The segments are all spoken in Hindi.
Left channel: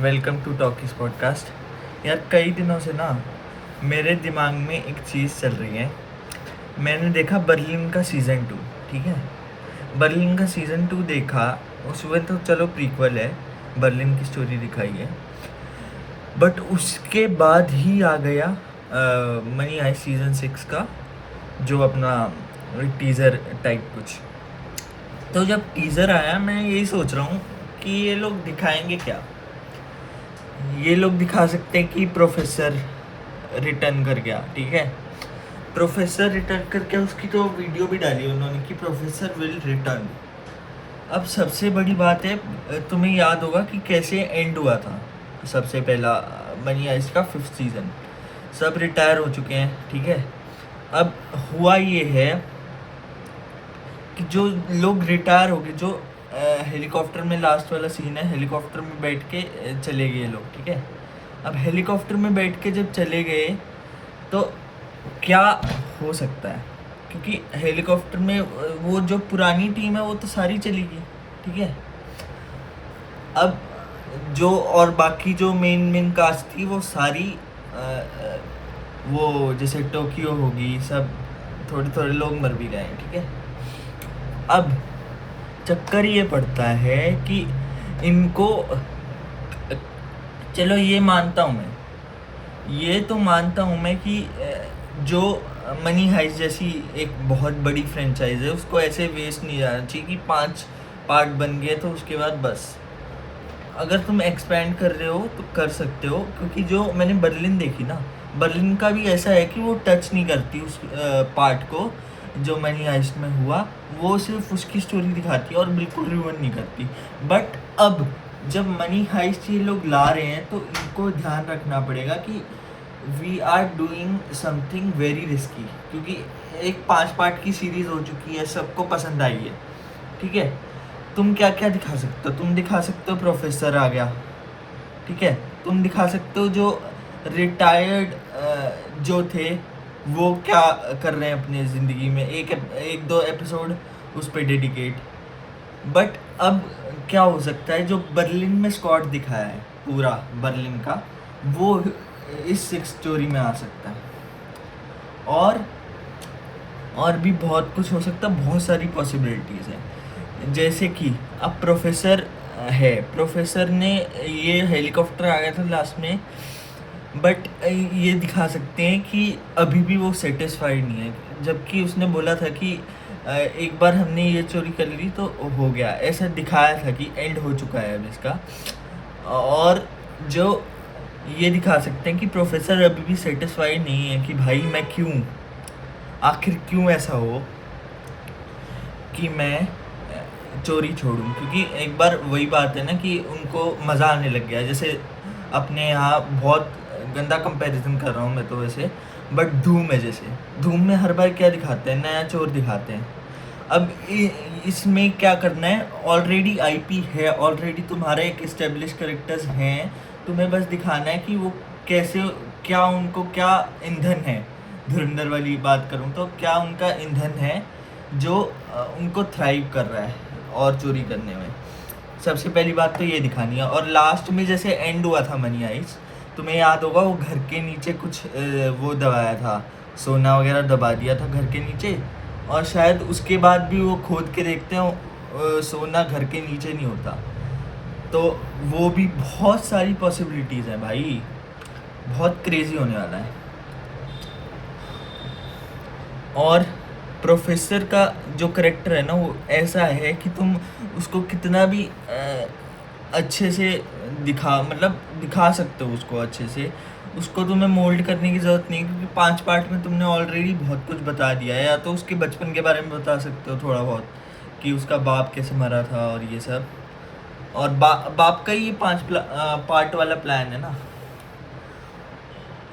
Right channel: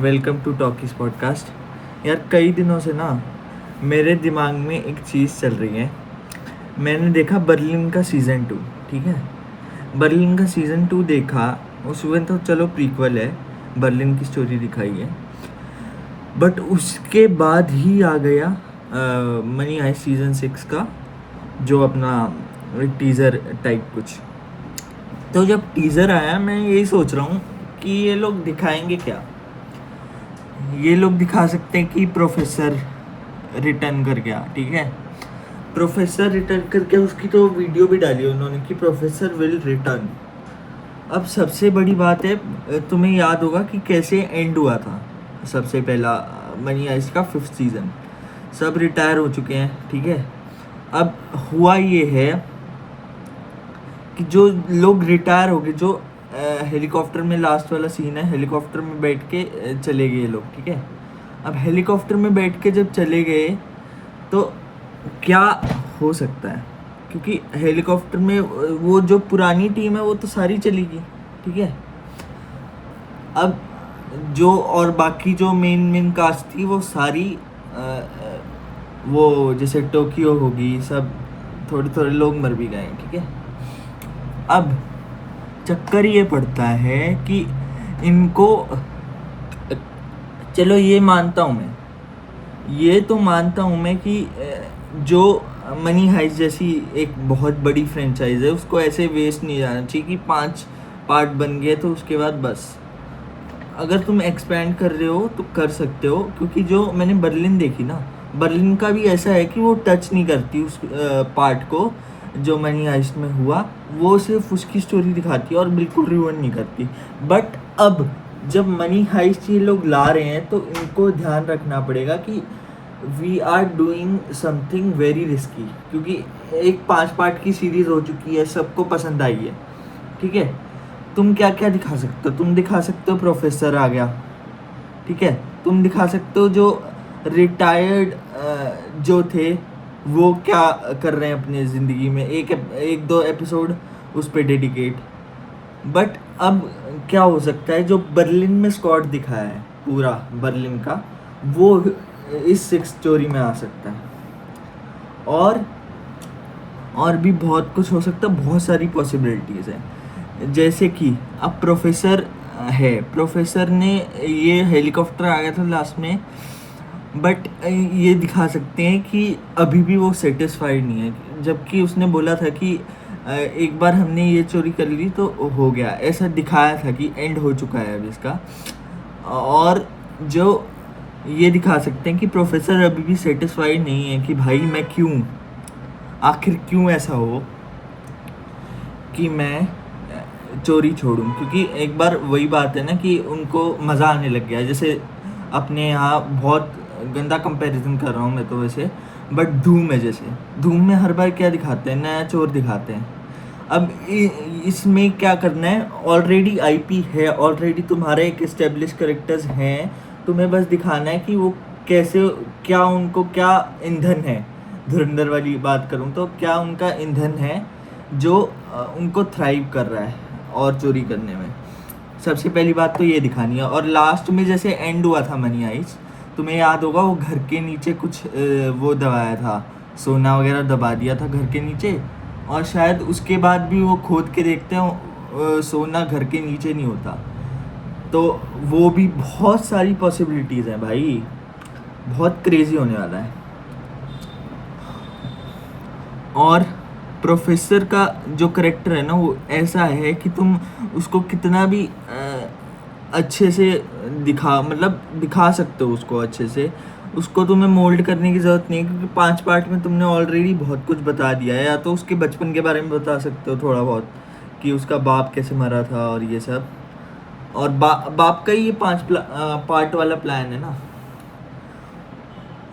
Welcome to talkies podcast. यार कई दिनों से ना मेरे दिमाग में एक चीज़ चल रही है। मैंने देखा बर्लिन का सीज़न 2, ठीक है। बर्लिन का सीज़न 2 देखा, उसमें तो चलो प्रीक्वल है, बर्लिन की स्टोरी दिखाई है। बट उसके बाद ही आ गया मनी हाइस्ट सीज़न 6 का, जो अपना टीज़र टाइप कुछ। तो जब टीज़र आया मैं यही सोच रहा हूँ कि ये लोग दिखाएंगे क्या। ये लोग दिखा सकते हैं कि प्रोफेसर रिटर्न कर गया, ठीक है। प्रोफेसर रिटर्न करके उसकी तो वीडियो भी डाली उन्होंने कि प्रोफेसर विल रिटर्न। अब सबसे बड़ी बात है, तुम्हें याद होगा कि कैसे एंड हुआ था। सबसे पहला मनी हाइस्ट का 5th सीज़न, सब रिटायर हो चुके हैं, ठीक है। अब हुआ ये है कि जो लोग रिटायर हो गए, जो हेलीकॉप्टर में लास्ट वाला सीन है, हेलीकॉप्टर में बैठ के चले गए लोग, ठीक है। अब हेलीकॉप्टर में बैठ के जब चले गए तो क्या हो सकता है, क्योंकि हेलीकॉप्टर में वो जो पुरानी टीम है वो तो सारी चली गई, ठीक है। अब जो और बाकी जो मेन कास्ट थी वो सारी वो जैसे टोक्यो होगी, सब थोड़े थोड़े लोग मर भी गए, ठीक है। अब चक्कर ये पड़ता है कि इनको, चलो ये मानता हूँ मैं, ये तो मानता हूँ मैं कि जो मनी हाइस्ट जैसी एक बहुत बड़ी फ्रेंचाइज है उसको ऐसे वेस्ट नहीं जाना चाहिए कि 5 पार्ट बन गए तो उसके बाद बस। अगर तुम एक्सपेंड कर रहे हो तो कर सकते हो, क्योंकि जो मैंने बर्लिन देखी ना, बर्लिन का भी ऐसा है कि वो टच नहीं करती उस पार्ट को जो मनी हाइस्ट में हुआ। वो सिर्फ उसकी स्टोरी दिखाती है और बिल्कुल रिवन नहीं करती। बट अब जब मनी हाइस्ट ये लोग ला रहे हैं तो इनको ध्यान रखना पड़ेगा कि we are doing something very risky, क्योंकि एक 5 पार्ट की सीरीज हो चुकी है, सबको पसंद आई है, ठीक है। तुम क्या क्या दिखा सकते हो? तुम दिखा सकते हो प्रोफेसर आ गया, ठीक है। तुम दिखा सकते हो जो रिटायर्ड जो थे वो क्या कर रहे हैं अपनी ज़िंदगी में, एक दो एपिसोड उस पर डेडिकेट। बट अब क्या हो सकता है, जो बर्लिन में स्क्वाड दिखाया है पूरा बर्लिन का, वो इस 6 स्टोरी में आ सकता है। और भी बहुत कुछ हो सकता है, बहुत सारी पॉसिबिलिटीज़ हैं। जैसे कि अब प्रोफेसर है, प्रोफेसर ने ये हेलीकॉप्टर आ गया था लास्ट में, बट ये दिखा सकते हैं कि अभी भी वो सेटिस्फाइड नहीं है, जबकि उसने बोला था कि एक बार हमने ये चोरी कर ली तो हो गया, ऐसा दिखाया था कि एंड हो चुका है अब इसका। और जो ये दिखा सकते हैं कि प्रोफेसर अभी भी सेटिस्फाइड नहीं है कि भाई मैं क्यों, आखिर क्यों ऐसा हो कि मैं चोरी छोड़ूं। क्योंकि एक बार वही बात है ना कि उनको मज़ा आने लग गया। जैसे अपने यहाँ बहुत गंदा कंपैरिजन कर रहा हूँ मैं तो वैसे, बट धूम है, जैसे धूम में हर बार क्या दिखाते हैं, नया चोर दिखाते हैं। अब इसमें क्या करना है, ऑलरेडी आईपी है, ऑलरेडी तुम्हारे एक एस्टेब्लिश कैरेक्टर्स हैं, तुम्हें बस दिखाना है कि वो कैसे, क्या उनको क्या ईंधन है। धुरंधर वाली बात करूँ तो क्या उनका ईंधन है जो उनको थ्राइव कर रहा है और चोरी करने में। सबसे पहली बात तो ये दिखानी है। और लास्ट में जैसे एंड हुआ था मनी हाइस्ट, तुम्हें याद होगा वो घर के नीचे कुछ वो दबाया था, सोना वगैरह दबा दिया था घर के नीचे, और शायद उसके बाद भी वो खोद के देखते हैं सोना घर के नीचे नहीं होता। तो वो भी बहुत सारी पॉसिबिलिटीज़ हैं भाई, बहुत क्रेजी होने वाला है। और प्रोफेसर का जो करेक्टर है ना, वो ऐसा है कि तुम उसको कितना भी अच्छे से दिखा सकते हो उसको अच्छे से। उसको तुम्हें मोल्ड करने की ज़रूरत नहीं, क्योंकि 5 पार्ट में तुमने ऑलरेडी बहुत कुछ बता दिया है। या तो उसके बचपन के बारे में बता सकते हो थोड़ा बहुत, कि उसका बाप कैसे मरा था और ये सब। और बाप का ही ये 5 पार्ट वाला प्लान है ना।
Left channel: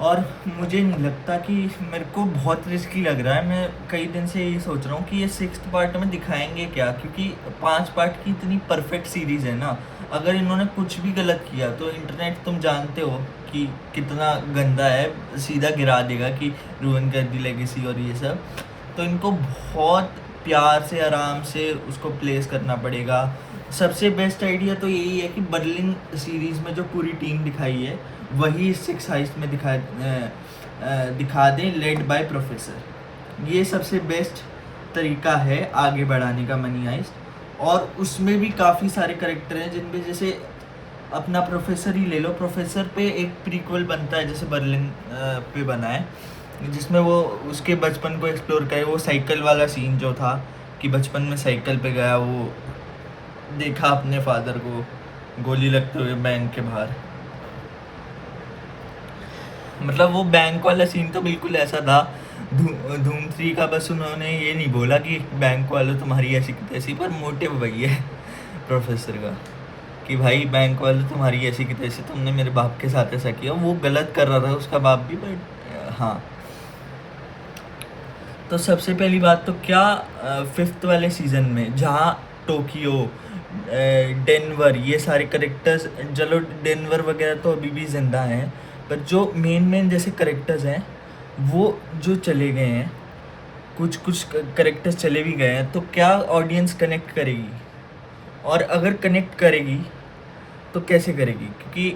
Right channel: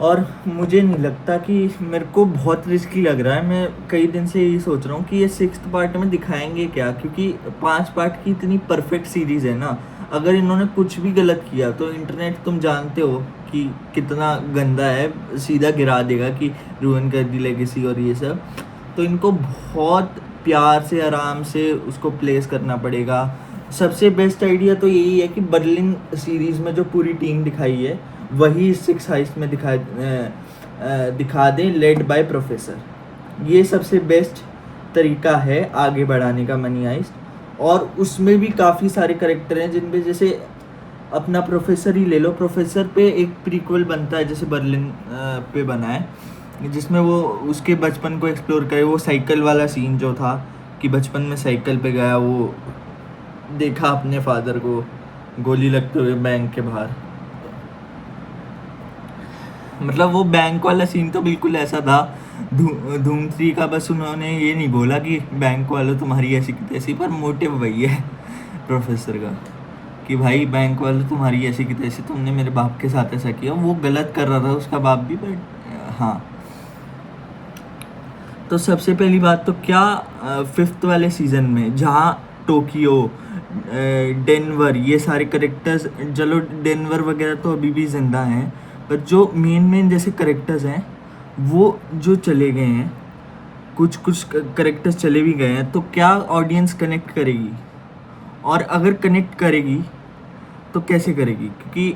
और मुझे नहीं लगता कि, मेरे को बहुत रिस्की लग रहा है। मैं कई दिन से ये सोच रहा हूँ कि ये 6th पार्ट में दिखाएंगे क्या, क्योंकि 5 पार्ट की इतनी परफेक्ट सीरीज़ है ना। अगर इन्होंने कुछ भी गलत किया तो इंटरनेट तुम जानते हो कि कितना गंदा है, सीधा गिरा देगा कि रूइन कर दी लेगेसी और ये सब। तो इनको बहुत प्यार से आराम से उसको प्लेस करना पड़ेगा। सबसे बेस्ट आइडिया तो यही है कि बर्लिन सीरीज में जो पूरी टीम दिखाई है वही सिक्स हाइस्ट में दिखा दें, लेड बाय प्रोफेसर। ये सबसे बेस्ट तरीका है आगे बढ़ाने का मनी हाइस्ट। और उसमें भी काफ़ी सारे करेक्टर हैं जिनमें, जैसे अपना प्रोफेसर ही ले लो, प्रोफेसर पे एक प्रीक्वल बनता है जैसे बर्लिन पे बना है, जिसमें वो उसके बचपन को एक्सप्लोर करे। वो साइकिल वाला सीन जो था कि बचपन में साइकिल पे गया, वो देखा अपने फादर को गोली लगते हुए बैंक के बाहर। मतलब वो बैंक वाला सीन तो बिल्कुल ऐसा था धूम 3 का, बस उन्होंने ये नहीं बोला कि बैंक वालों तुम्हारी ऐसी की तैसी, पर मोटिव वही है प्रोफेसर का कि भाई बैंक वालों तुम्हारी ऐसी की तैसी, तुमने मेरे बाप के साथ ऐसा किया। वो गलत कर रहा था उसका बाप भी, बट हाँ। तो सबसे पहली बात तो क्या, 5th वाले सीज़न में जहाँ टोक्यो, डेनवर, ये सारे करेक्टर्स, चलो डेनवर वगैरह तो अभी भी ज़िंदा हैं, पर जो मेन जैसे करेक्टर्स हैं वो जो चले गए हैं, कुछ करेक्टर्स चले भी गए हैं, तो क्या ऑडियंस कनेक्ट करेगी? और अगर कनेक्ट करेगी तो कैसे करेगी? क्योंकि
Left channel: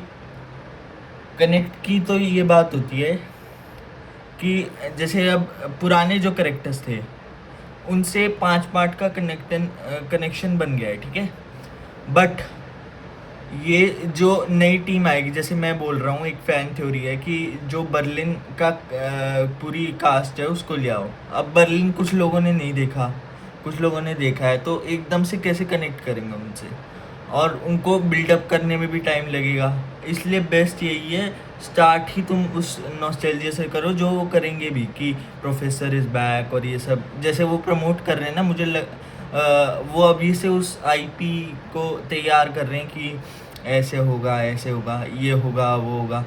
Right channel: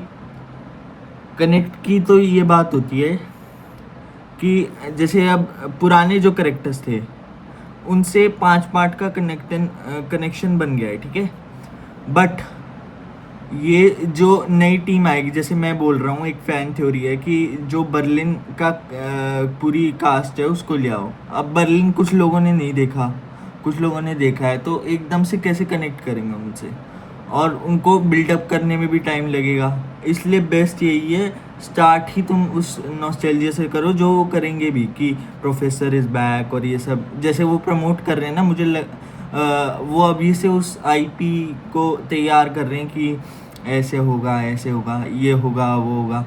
कनेक्ट की तो ये बात होती है कि जैसे अब पुराने जो करेक्टर्स थे उनसे 5 पार्ट का कनेक्शन बन गया है, ठीक है। बट ये जो नई टीम आएगी, जैसे मैं बोल रहा हूँ, एक फ़ैन थ्योरी है कि जो बर्लिन का पूरी कास्ट है उसको ले आओ। अब बर्लिन कुछ लोगों ने नहीं देखा, कुछ लोगों ने देखा है, तो एकदम से कैसे कनेक्ट करेंगे उनसे? और उनको बिल्डअप करने में भी टाइम लगेगा। इसलिए बेस्ट यही है, स्टार्ट ही तुम उस नॉस्टैल्जिया से करो जो वो करेंगे भी, कि प्रोफेसर इज़ बैक और ये सब जैसे वो प्रमोट कर रहे हैं ना। वो अभी से उस आईपी को तैयार कर रहे हैं कि ऐसे होगा, ऐसे होगा, ये होगा, वो होगा।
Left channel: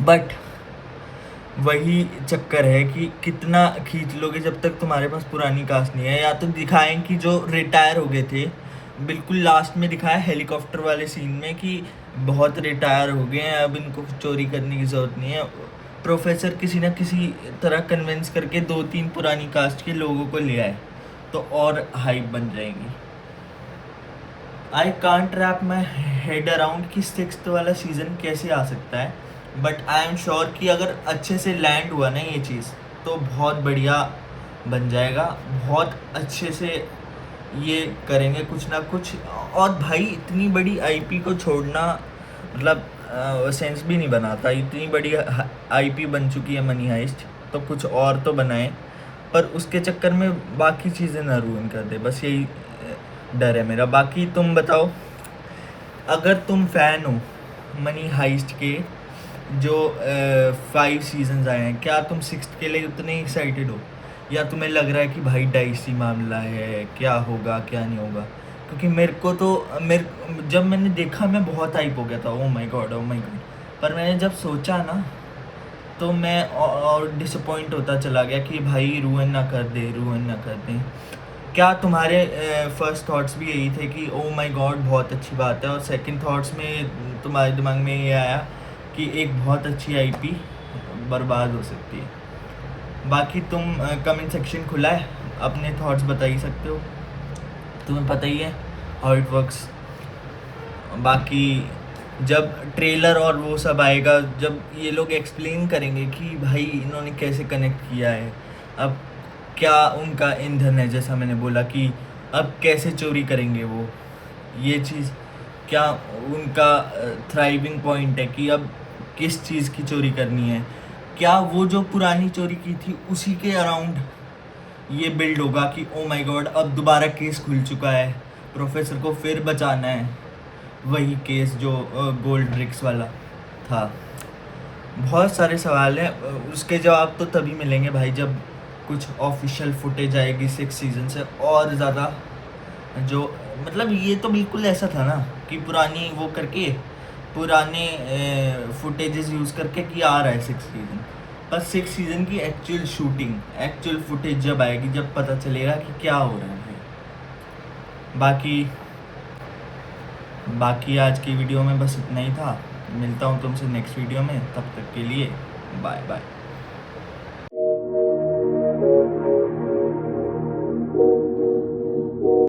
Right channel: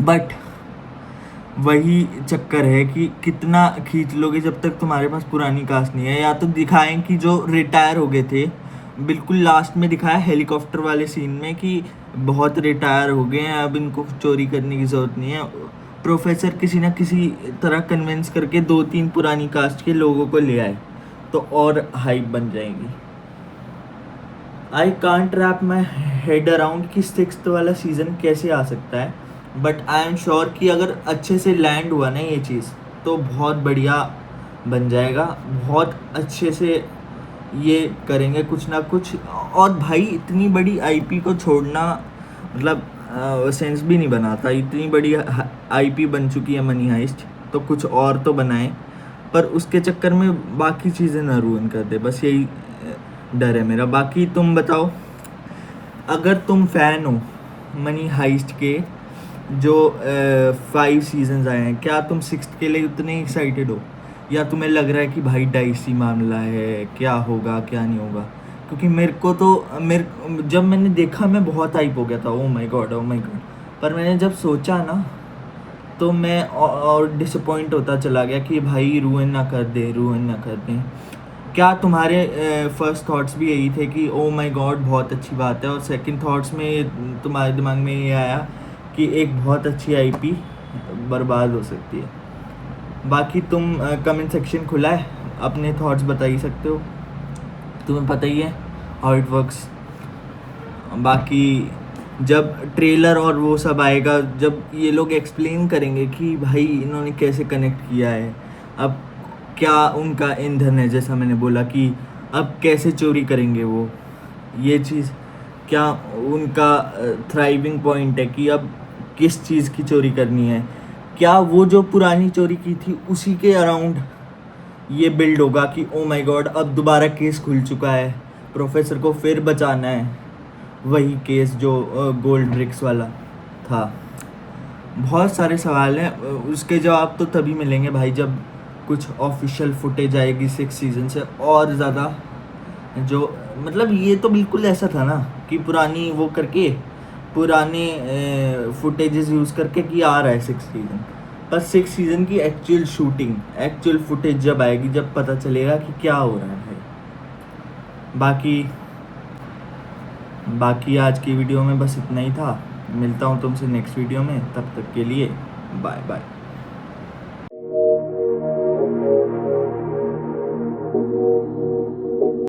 बट वही चक्कर है कि कितना खींच लोगे जब तक तुम्हारे पास पुरानी कास्ट नहीं है। या तो दिखाएं कि जो रिटायर हो गए थे, बिल्कुल लास्ट में दिखाया हेलीकॉप्टर वाले सीन में कि बहुत रिटायर हो गए हैं, अब इनको चोरी करने की ज़रूरत नहीं है। प्रोफेसर किसी ना किसी तरह कन्विंस करके 2-3 पुरानी कास्ट के लोगों को ले आए तो और हाइप बन जाएगी। I can't wrap my head around कि 6th वाला सीज़न कैसे आ सकता है, बट आई एम श्योर कि अगर अच्छे से लैंड हुआ ना ये चीज़ तो बहुत बढ़िया बन जाएगा। बहुत अच्छे से ये करेंगे कुछ ना कुछ। और भाई इतनी बड़ी आईपी को छोड़ना मतलब सेंस भी नहीं बनाता। इतनी बड़ी आईपी बन चुकी है मनी हाइस्ट, तो कुछ और तो बनाए, पर उसके चक्कर में बाकी चीज़ें ना रूइन कर दे, बस यही डर है मेरा। बाकी तुम बताओ, अगर तुम फ़ैन हो मनी हाइस्ट के जो 5 सीजन्स आए हैं, क्या तुम 6th के लिए उतने एक्साइटेड हो, या तुम्हें लग रहा है कि भाई डाइसी मामला है, क्या होगा क्या नहीं होगा? क्योंकि मेरे को तो जब मैंने देखा मैं बहुत हाइप हो गया था, oh my God, oh my God. पर मैंने जब सोचा ना तो मैं और डिसअपॉइंट होता चला गया कि भाई रूइन ना कर दे। क्या तुम्हारे फर्स्ट थॉट्स भी यही थे कि ओ माय गॉड बहुत अच्छी बात है, और सेकंड थॉट्स में तुम्हारे दिमाग में ये आया कि एक बहुत अच्छी आईपी बर्बाद हो सकती है? बाकी तुम कमेंट सेक्शन खुला है, अपने थॉट्स बता ही सकते हो, तुम्हें पता ही है हाउ इट वर्क्स। बाकी जब ट्रेलर और वो सब आएगा, जब ये लोग एक्सप्लेन करेंगे कि भाई इन्होंने कैसे कनेक्ट किया है, अब क्या उनका ईंधन है, जैसा मैंने बोला कि अब कैसे चोरी करेंगे वो, ये चीज़ क्या उनका थ्राइविंग पॉइंट है कि अब किस चीज़ की चोरी करनी है, क्या वो जो पुरानी चोरी की थी उसी के अराउंड ये बिल्ड होगा कि ओ माय गॉड अब दोबारा केस खुल चुका है, प्रोफेसर को फिर बचाना है, वही केस जो गोल्ड ब्रिक्स वाला था। बहुत सारे सवाल हैं, उसके जवाब तो तभी मिलेंगे भाई जब कुछ ऑफिशियल फुटेज आएगी 6 सीज़न से और ज़्यादा। जो मतलब ये तो बिल्कुल ऐसा था ना कि पुरानी वो करके, पुराने फुटेजेस यूज़ करके कि आ रहा है 6 सीज़न, पर 6 सीज़न की एक्चुअल शूटिंग, एक्चुअल फुटेज जब आएगी, जब पता चलेगा कि क्या हो रहा है। बाकी आज की वीडियो में बस इतना ही था। मिलता हूँ तुमसे नेक्स्ट वीडियो में, तब तक के लिए बाय बाय।